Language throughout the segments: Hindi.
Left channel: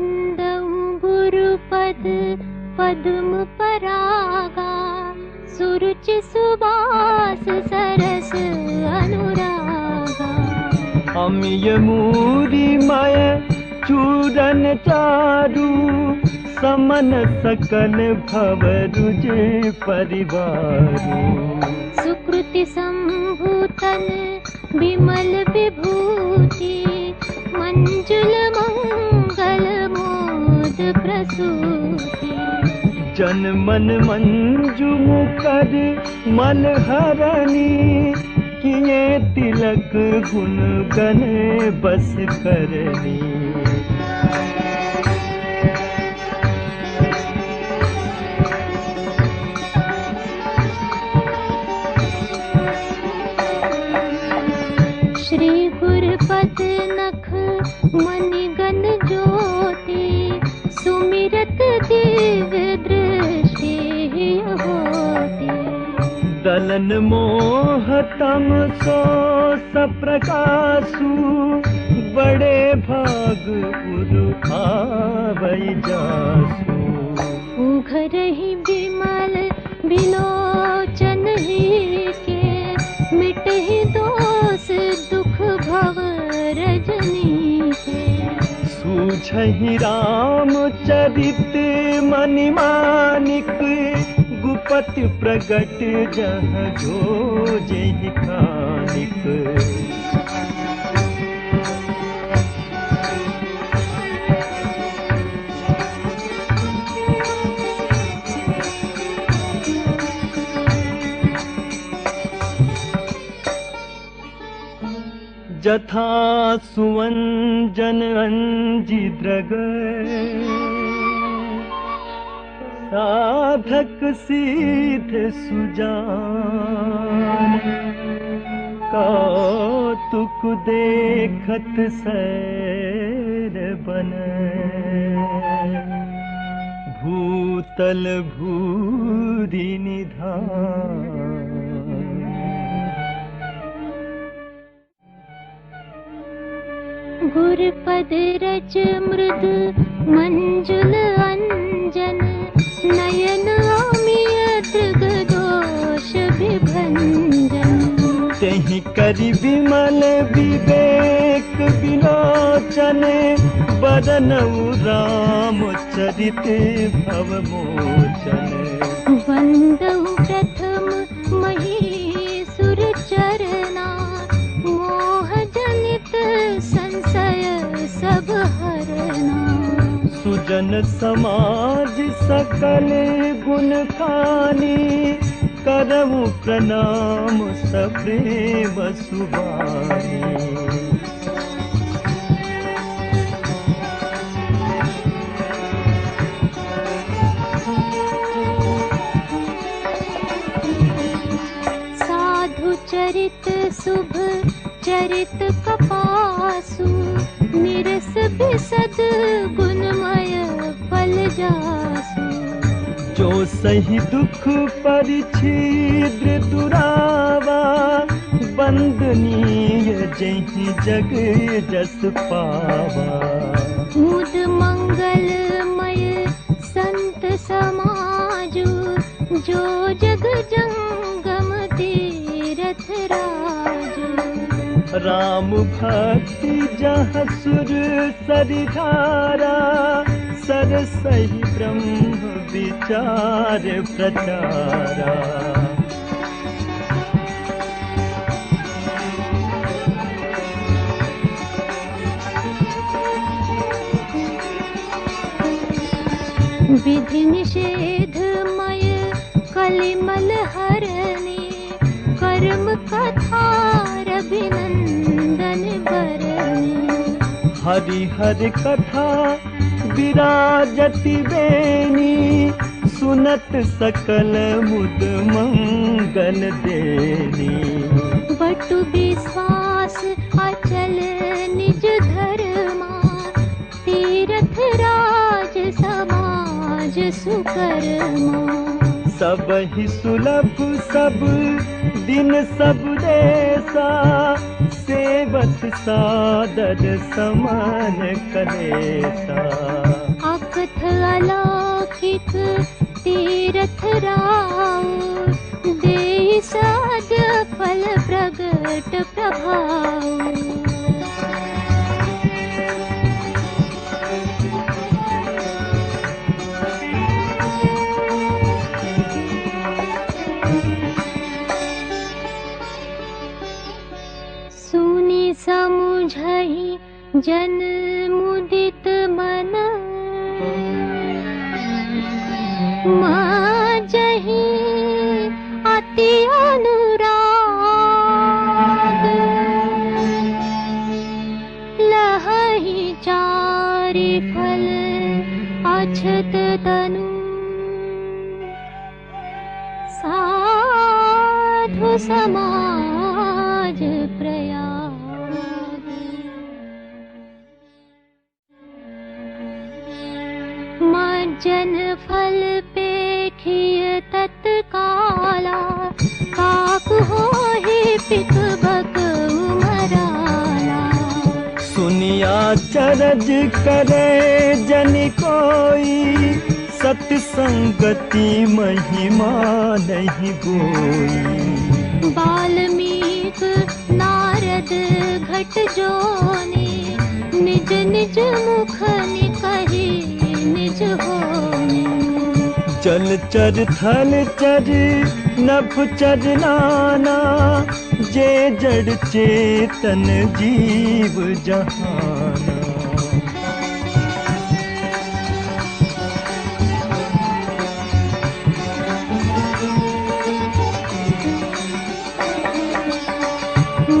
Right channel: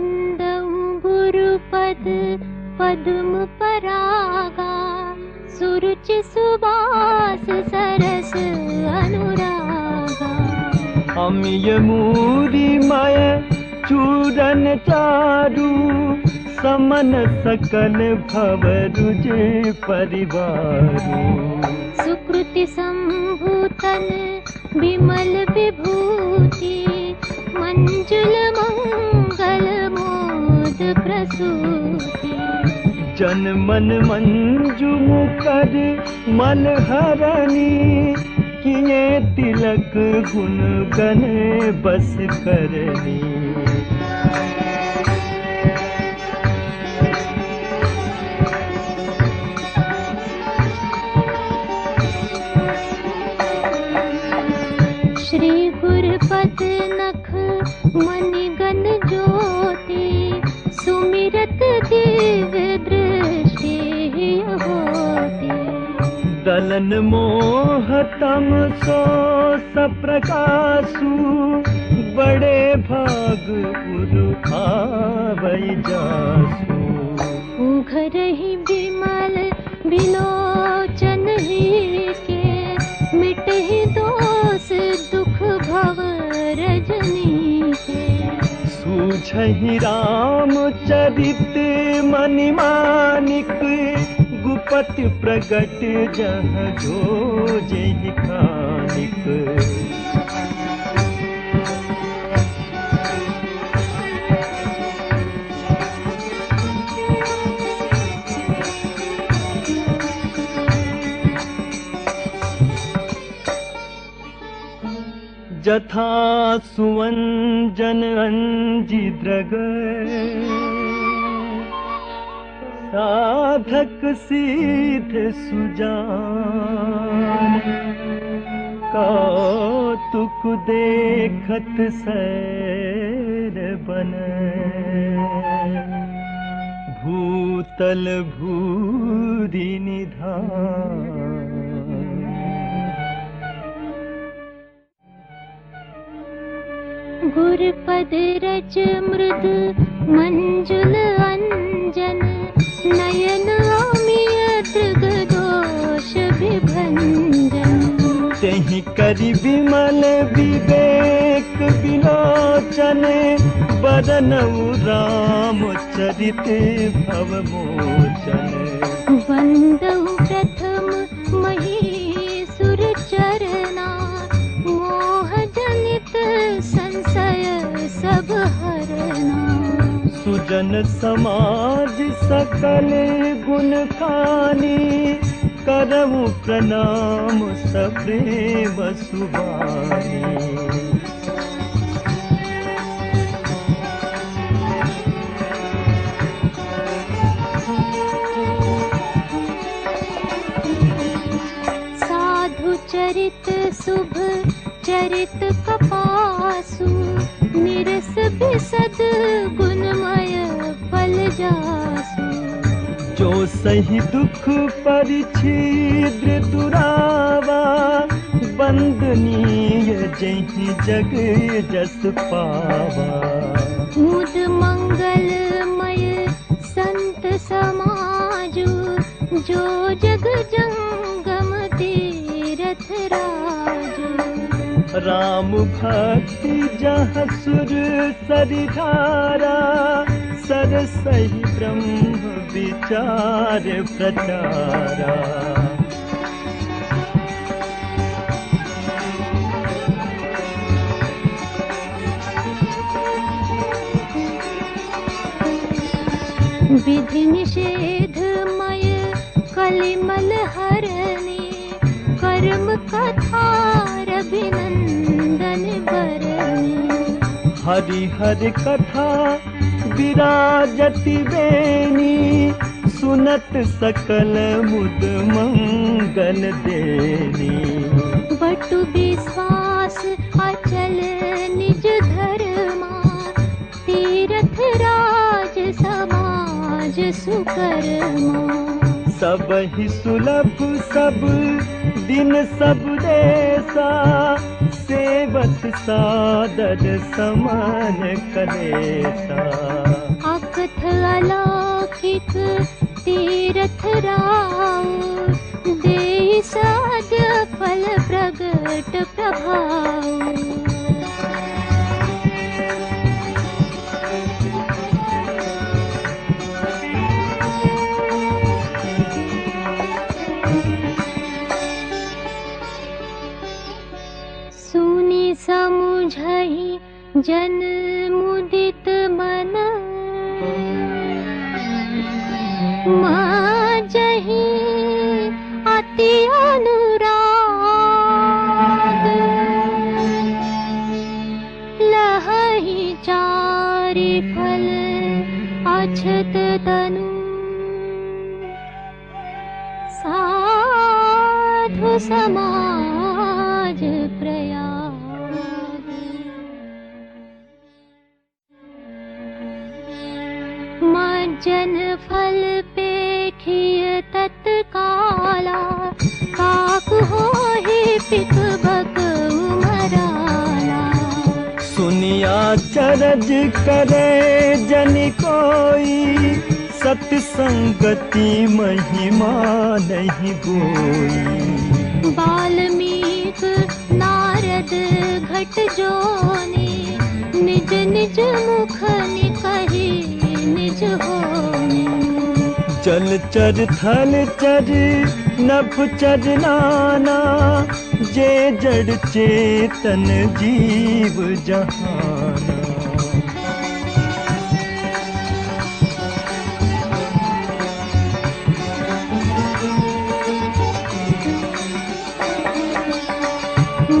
वंदऊ गुरुपद पद्म परागा, सुरुचि सुवास सरस अनुरागा। अमिय मूरी मय चूरन चारु, समन सकल भव तुझे परिवार। सुकृति संभूतन विमल विभूति, मंजुल मंगल मोद प्रसूति। जन मन मंजु मुखर मन हरणी, किए तिलक गुण गने बस करनी। श्री गुरुपद नख मणिगण ज्योति, सुमिरत दिव्य दृष्टि होती। दलन मोह तम सो सप्रकाशु, बड़े भाग गुरु आवै जासु। उघरहि विमल विलोचन के, मिटहि दोष दुख भव रजनी के। सूझहि राम चरित मनि मानिक, गुपति प्रगट जह जोजहि कानिक। जथा सुवंजन अंजि दृग, साधक सीध सुजान। कौतुक देखत सैर बन, भूतल भूरि निधान। गुरुपद रज मृद मंजुल अंजन, नयन अमियत दोष विभंजन। तेहि करि विमल विवेक विलोचन, बरनऊ राम चरित भव मोचन। वंदहु प्रथम महीसुर चरना, मोह जनित संशय सब हरना। सुजन समाज सकल गुण खानी, करहु प्रणाम सप्रेम सुभानी। साधु चरित शुभ चरित कपासु, निरस बिसद गुणमय फल जासु। जो सही दुख परिच्छिद्र दुरावा, बंदनीय जहि जग जस पावा। मुद मंगलमय संत समाजु, जो जग जंगम तीरथ राजु। राम भक्ति जहाँ सुर सरिधारा, सरसहि ब्रह्म विचार प्रचारा। विधि निषेधमय कलिमल हरणी, करब कथा रघुनंदन बरनी। हरि हरि कथा विराजति बेनी, सुनत सकल मुद मंगल देनी। बटु विश्वास अचल निज धर्मा, तीर्थ राज समाज सुकर्मा। सबहि सुलभ सब दिन सब देसा, सेवत सादर समान कलेसा। अकथ अलौकिक तीरथ राम, दे साध फल प्रगट प्रभाव। सुनि समुझहि जन मुदित मन, माजहि अति अनुराग। लहहि चारि फल अछत तनु, साधु समाज प्रयाग। मज्जन फल पेखिय तत्काला, काक होहि पित भग मराला। सुनिया चरज करे जन कोई, सत्संगति महिमा नहीं कोई। वाल्मीक नारद घट जोनी, निज निज मुख निकहि निज होनी। जल चर थल चर नभ चर नाना, जे जड़ चेतन जीव जहाना।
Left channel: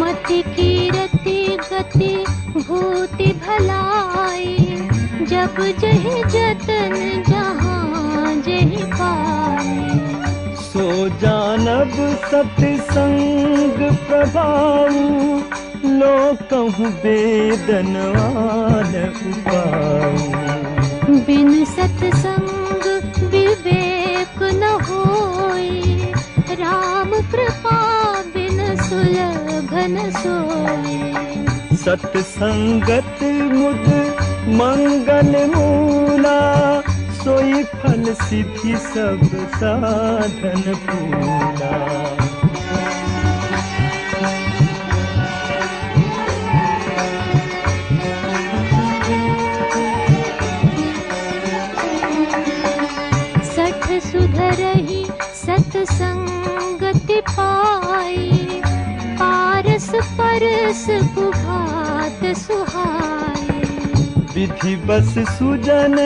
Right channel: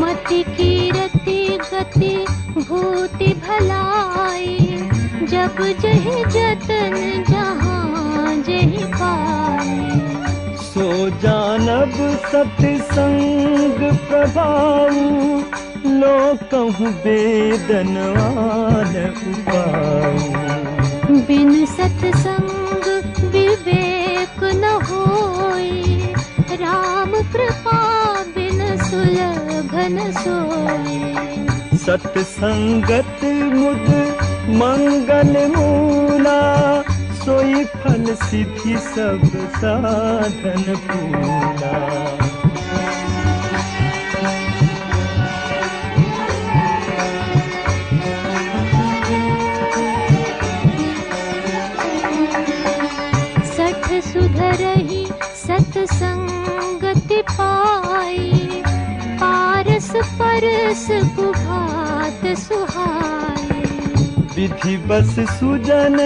मति कीरति गति भूति भलाई, जब जहि जतन जहाँ जहि पाई। सो जानब सत्संग प्रभाव, लोकहु वेदन आरऊ। बिन सत्संग विवेक न होई, राम कृपा बिन सुलभ न सोई। सत्संगत मुद मंगल मूला, सोई फल सिद्धि सब साधन पूरा। सठ सुधरहि सत्संगति पाई, पारस परस कुभात सुहाई। विधि बस सुजन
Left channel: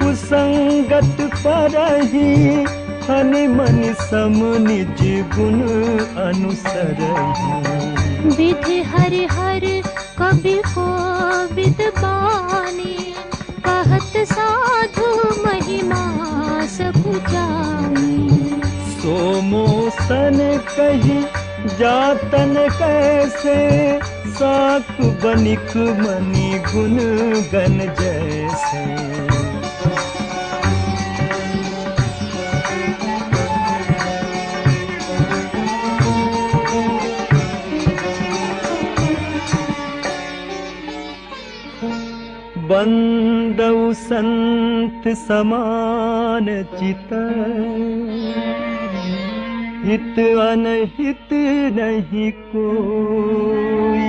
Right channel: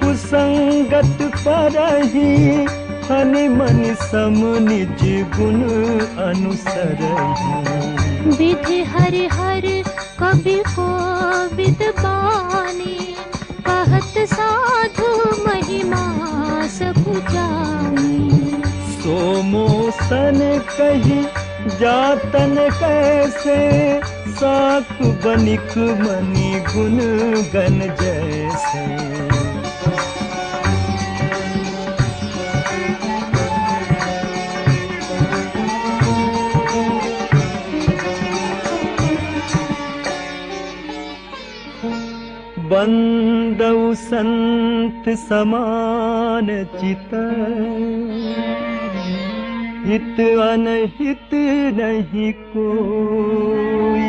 कुसंगत परही, तन मन सम निज गुण अनुसरही। विधि हरि हरि कबि कोविद बानी, कहत साधु महिमा सब जानी। सोमोसन कही जातन कैसे, साख बनिक मनि गुण गन जैसे। बंदउ संत समान चित, हित अनहित नहीं कोई।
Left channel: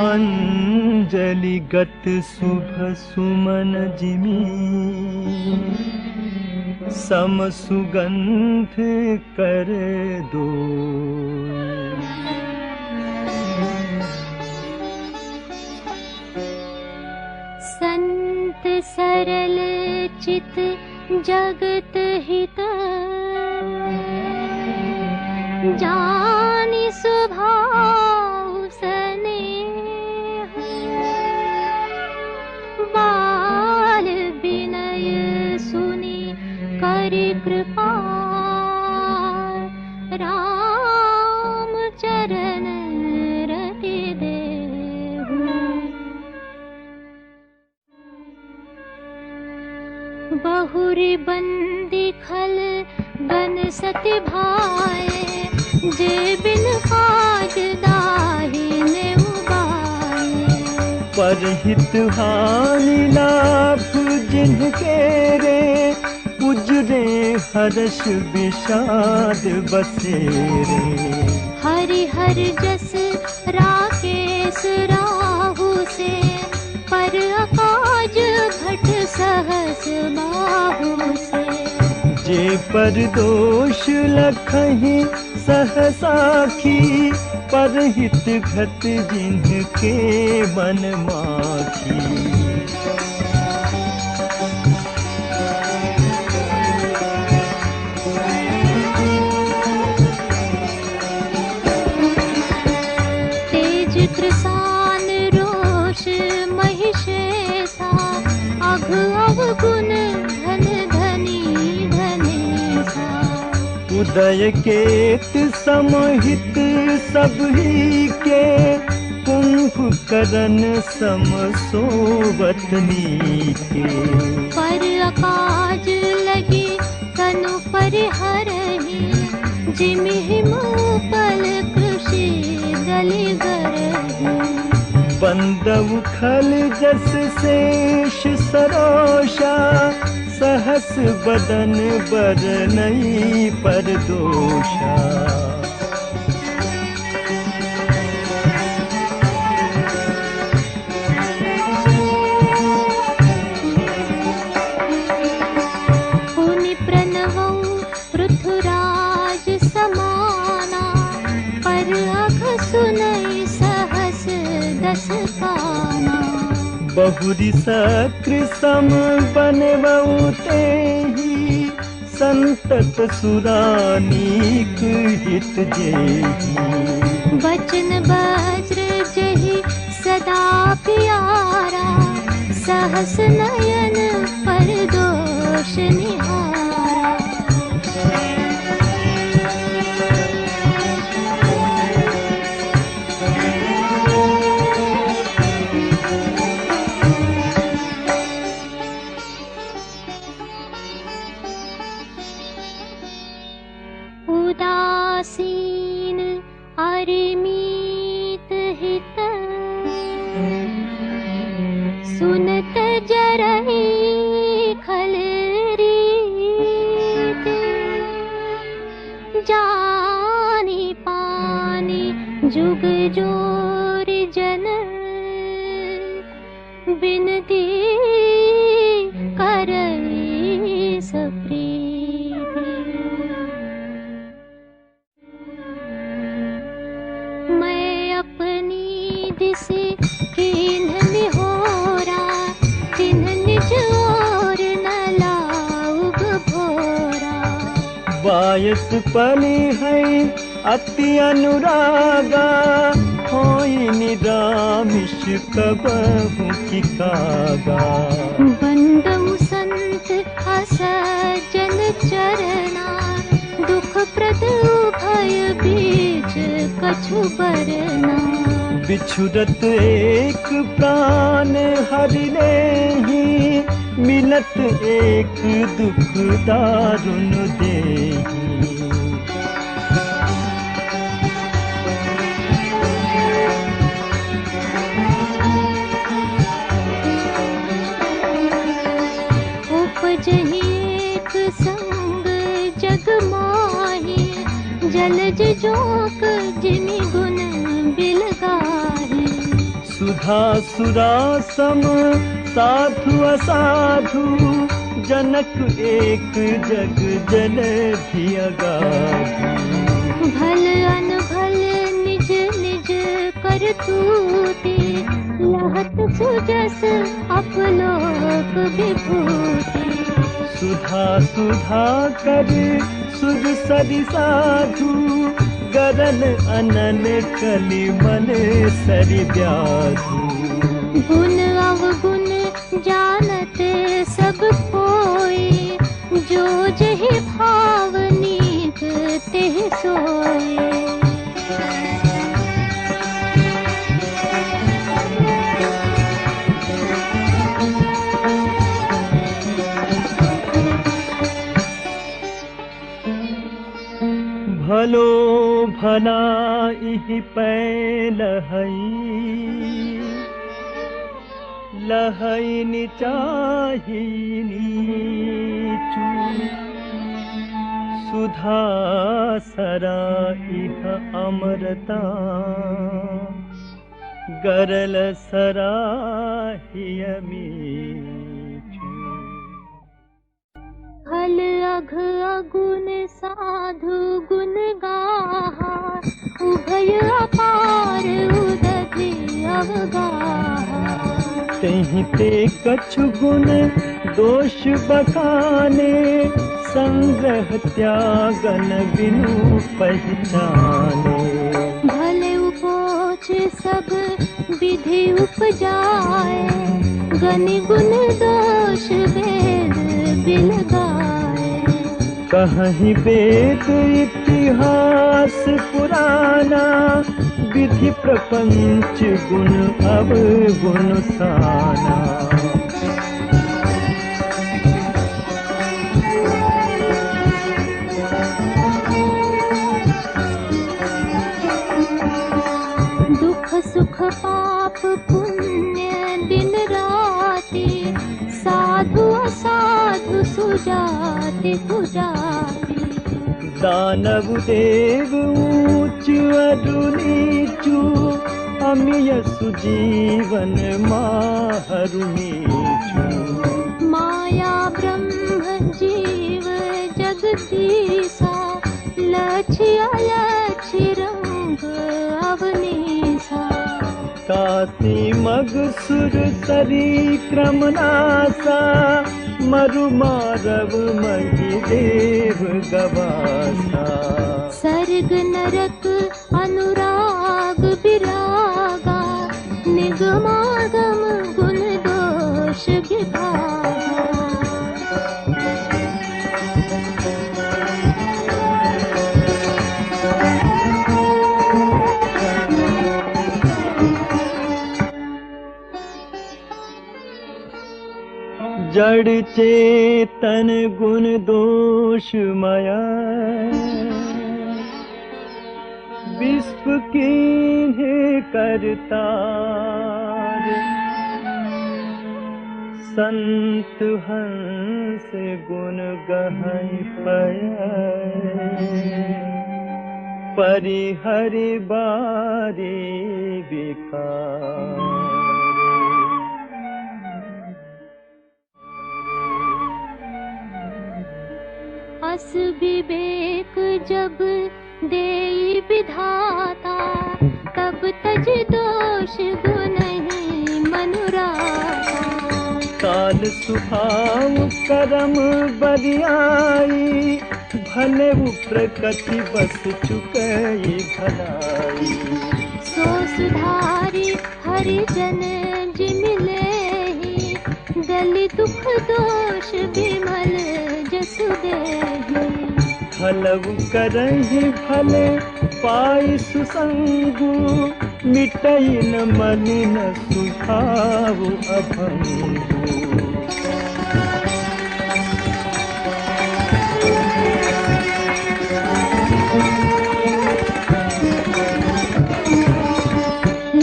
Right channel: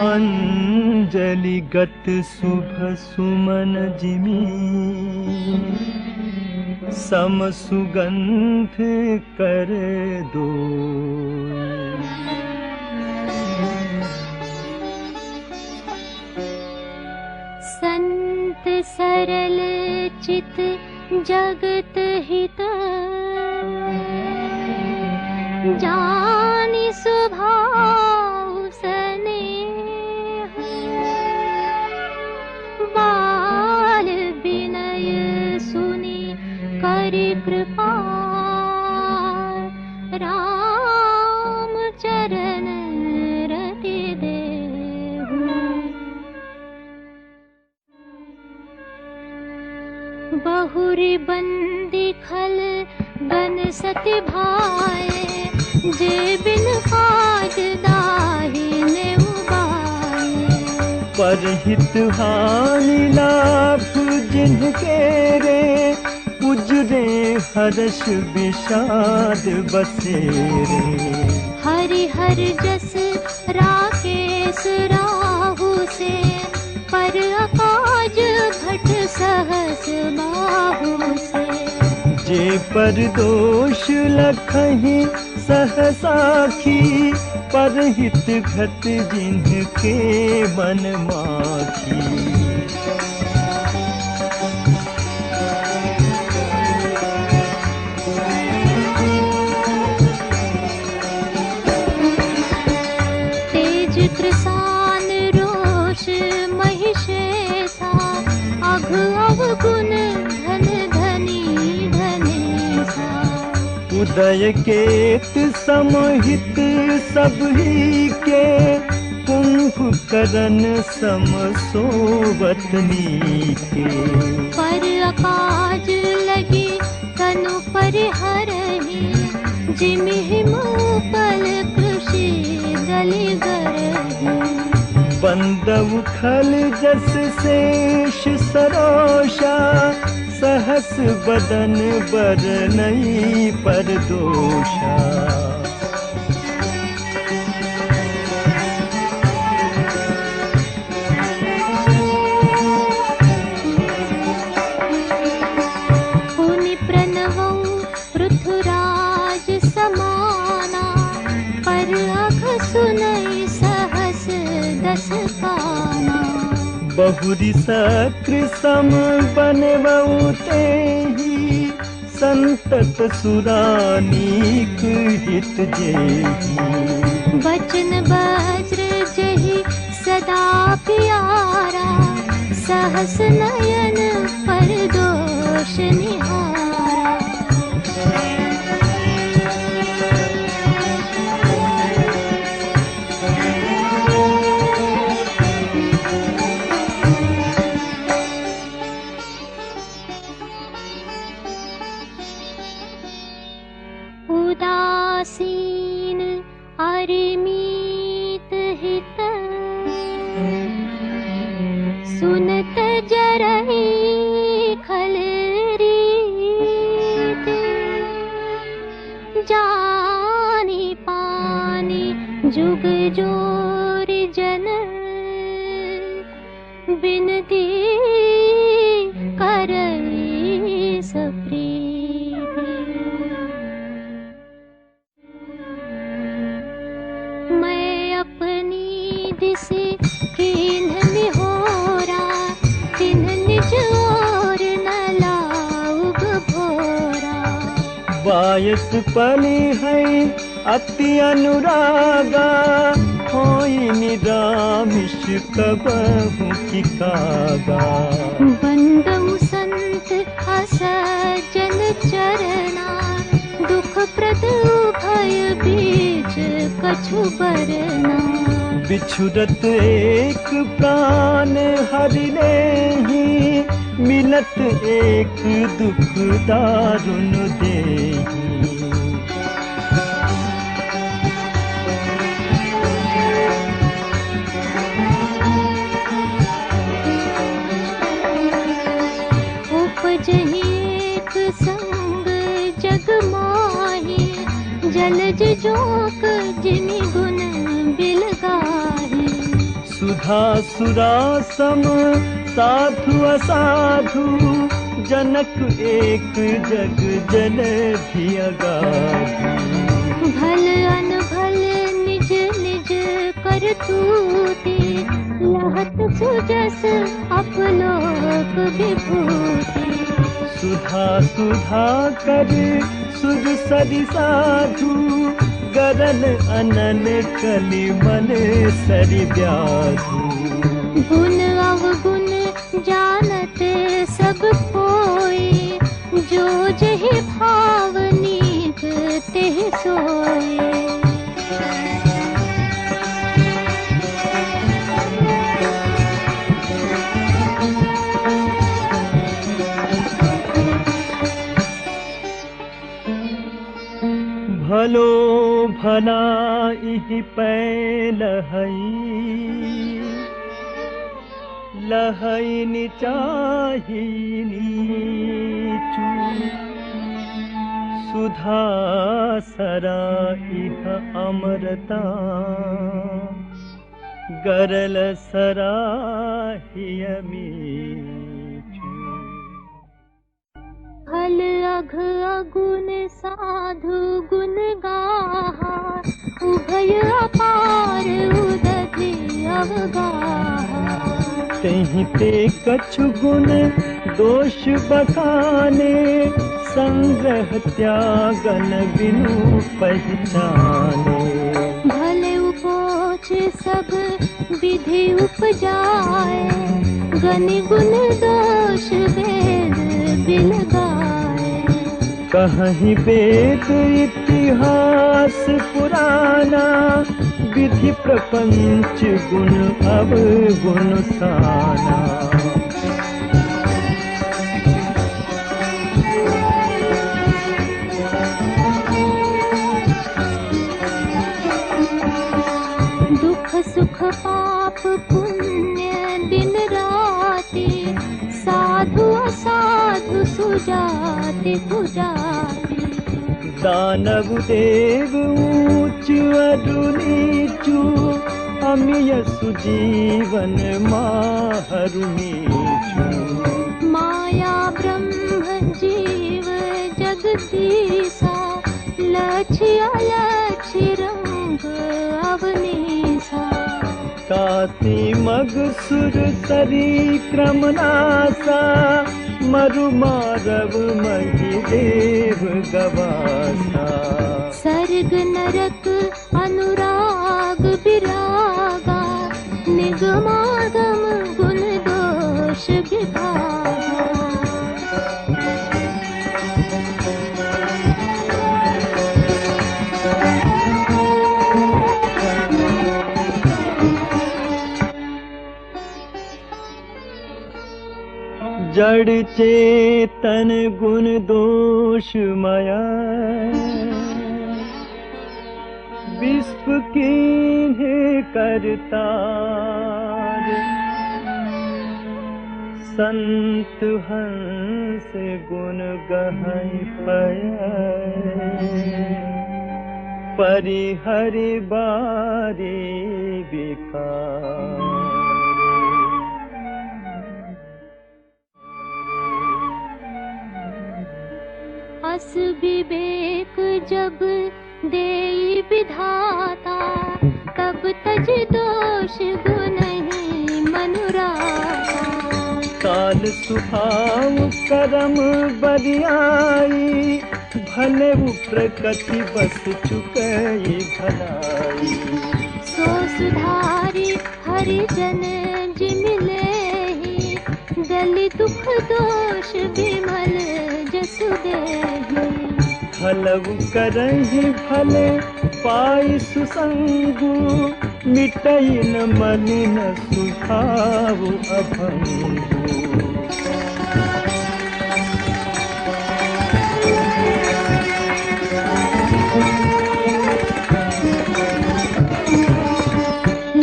अंजलि गत शुभ सुमन जिमी, सम सुगंध कर दो। संत सरल चित जगत हित, जानि स्वभाव स्नेह। बाल विनय सुनि करि कृपा, राम चरण रति देहु। बहुरी बंदी खल बन सति भाए, जे बिन काज दाहिने उबाए। परहित हानि लाभ जिनके रे, गुजरे हर्ष विषाद बसेरे। हरि हरि जस राकेश राहु से, पर अकाज घट सहस बाहु से। जे पर दोष लखहि सहसाखी, परहित घट जिनके मन माखी। तेज कृसान रोष महिषेसा, अघ अवगुण धन धनी धनेसा। उदय केत समहित सबही के, कुंभकर्ण सम सोवत नीके। पर अकाज लगी तनु परिहरहि, जिमिहि मूपल कृषि दलि गरहि। बंदउ खल जस शेष सरोषा, सहस बदन बरनई परदोषा। मुनि प्रणवु पृथुराज समाना, पर अघ सुनई सहस दस काना। बहुरी सक्र सम बनवउ तेहि, संतत सुरानीक हित जेहि। बचन वज्र जहि सदा प्यारा, सहस नयन परदोष निहारा। उदासीन अरिमीत हित, सुनत जरहि खल रीत। जानी पानी जुग जोरि जन, बिनती करई सप्रीति। मैं अपनी दिशि कीन्ह निहोरा, तिन्ह निज ओर न लाउग भोरा। बायस पनि है अति अनुरागा, होई निरामिष कबहु की कागा। बंदउ संत असज्जन चरना, दुख प्रद भय बीच कछु बरना। बिछुरत एक प्राण हरि लेहि, मिलत एक दुख दारुण देहि। उपजहि एक संग जग माहि, जलज जोक जिनि गुण बिलगाहि। सुधा सुरा सम साधु असाधु, जनक एक जग जनति अगाधु। भल अनभल निज निज करतूति, मोहत सुजस अपलोक विभूति। सुधा सुधा कर सुध सरि साधु, गरद अनन कलि मन सरि जाधु। गुण अवगुण जानते सब कोई, जो जहि भाव नीक तेहि सोई। भलो भलाई पैल लहैनी चाहिनी सुधा सराइह अमरता गरल सराहिय हल अघ अगुण साधु गुण गाहा उभय अपार उदधि अवगाहा तेहि ते कछु गुण दोष बखाने संग्रह त्यागन विनु पहचाने भले उपोच सब विधि उपजाए गनि गुण दोष भेद बिन गाए कहीं वेद इतिहास पुराना विधि प्रपंच गुण अवगुण साना दुख सुख पाप पुण्य दिन राति साधु असाधु सुजाति पुजाति दानव देव ऊंच अरु नीचु अमिय सुजीवन माहरु नीचु माया ब्रह्म जीव जगदीसा लक्ष्य अलक्ष्य रंग अवनीसा काशी मग सुर सरी क्रमनासा मरु मारव मही देव गवासा सर्ग नरक अनुराग विरागा निगमागम गुण दोष विभागा जड़ चेतन गुण दोषमय विश्व कीन्हे करतार संत हंस गुण गहै पय परिहरि बारे विकार अस विवेक जब देई विधाता तब तज दोष गुण ही मनुराता काल सुभाव करम बरियाई भले प्रकृति बस चुकई भलाई सो सुधारी हरिजन जिन लेहि दलि दुख दोष विमल जसु देहि फलव करहि फल पाई सुसंगु मिटई न मलिन सुभाव अभंगु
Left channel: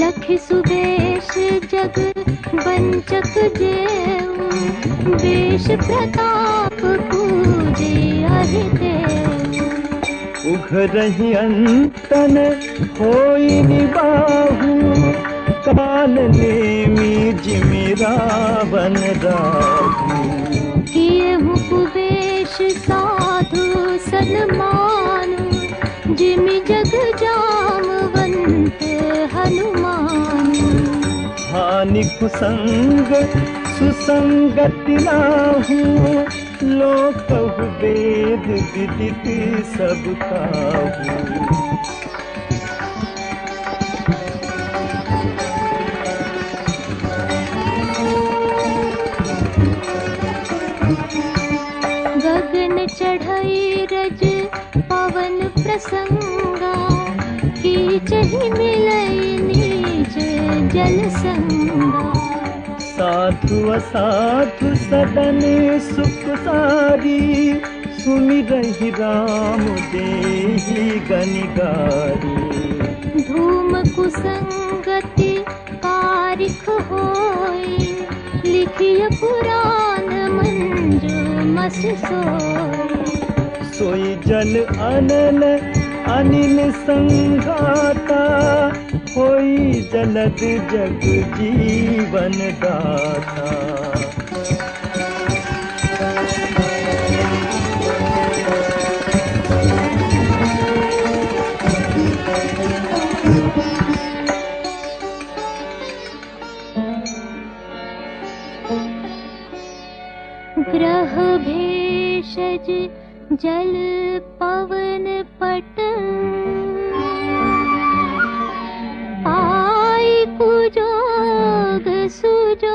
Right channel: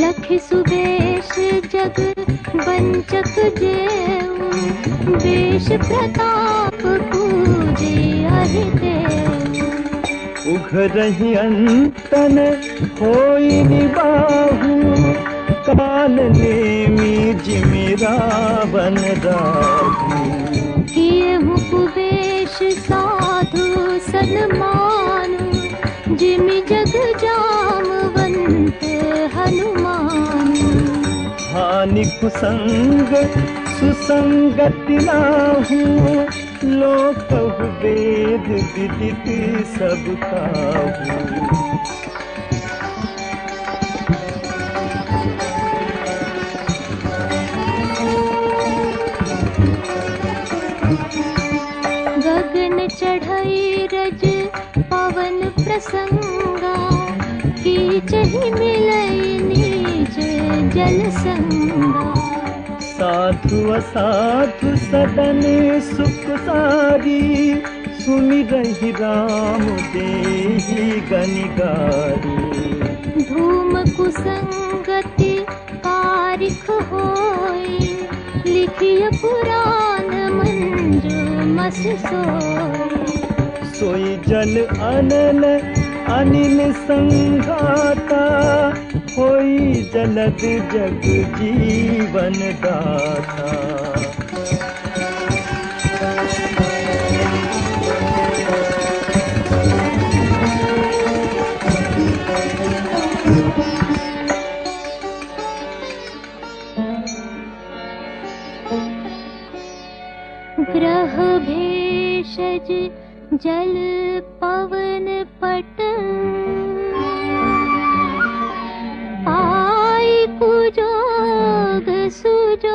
लखि सुदेश जग वंचक जेऊ देश प्रताप पूजे हरिदेव उघरहि अंतन होई निबाहु काल नेमी जिमि रावण दाहु केहु कुबेश साधु सन्मान जिमि जग जामवंत हनुमान हानि कुसंग सुसंगति नाहु लोक वेद विदित सब काहू गगन चढ़ई रज पवन प्रसंगा कीच ही मिलई नीच जन संगा साधु असाधु सदन सुख सारी सुमिरहि राम देहि गनिगारी पुराण मंजू मस सोए। सोई जल अनल अनिल संगाता, कोई जलद जग जीवन गाथा। ग्रह भेषज जल पवन पट, आई कुजोग सुजोग।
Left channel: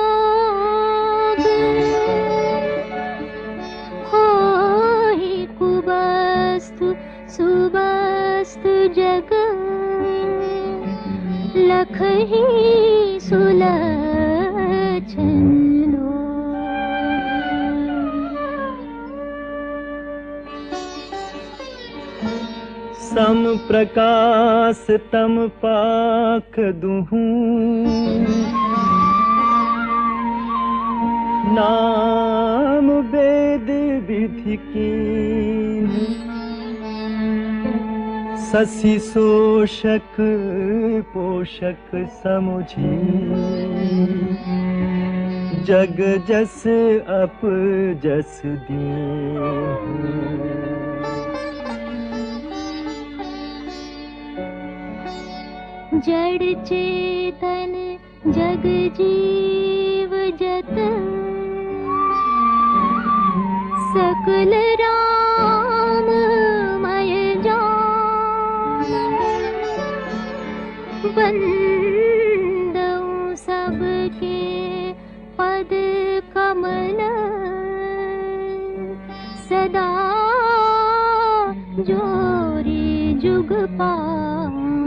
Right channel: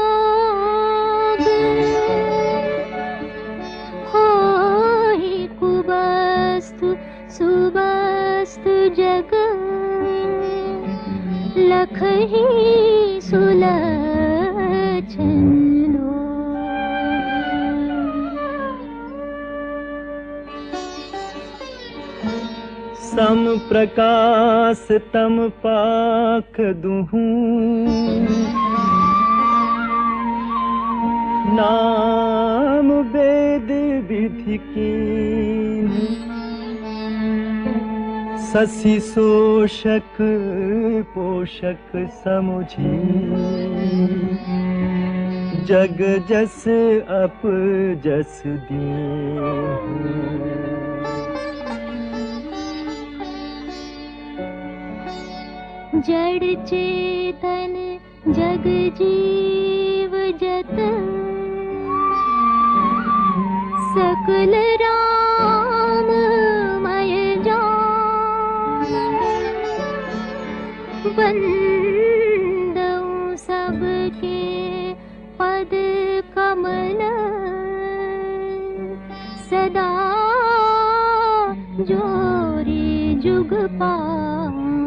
होई कुवस्तु सुवस्तु जग, लखहि सुलक्षण लोग। सम प्रकाश तम पाख दुहूं, नाम वेद विधि कीन्ह। शशि शोषक पोषक समुझी, जग जस अप जस दीन्ह। जड़ चेतन जग जीव जत, सकल राममय जान। वंदऊ सबके पद कमल, सदा जोरी जुग पानी।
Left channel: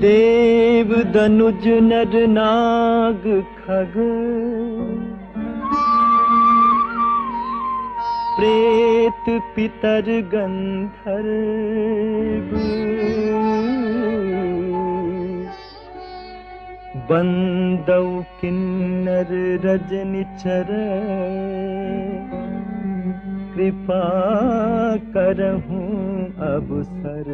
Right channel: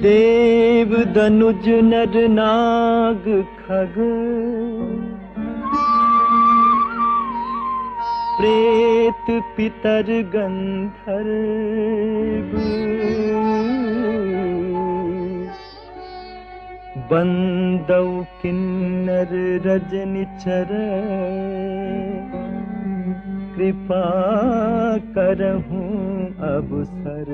देव दनुज नर नाग खग, प्रेत पितर गंधर्व। बंदौ किन्नर रजनिचर, कृपा करहूं अब सर।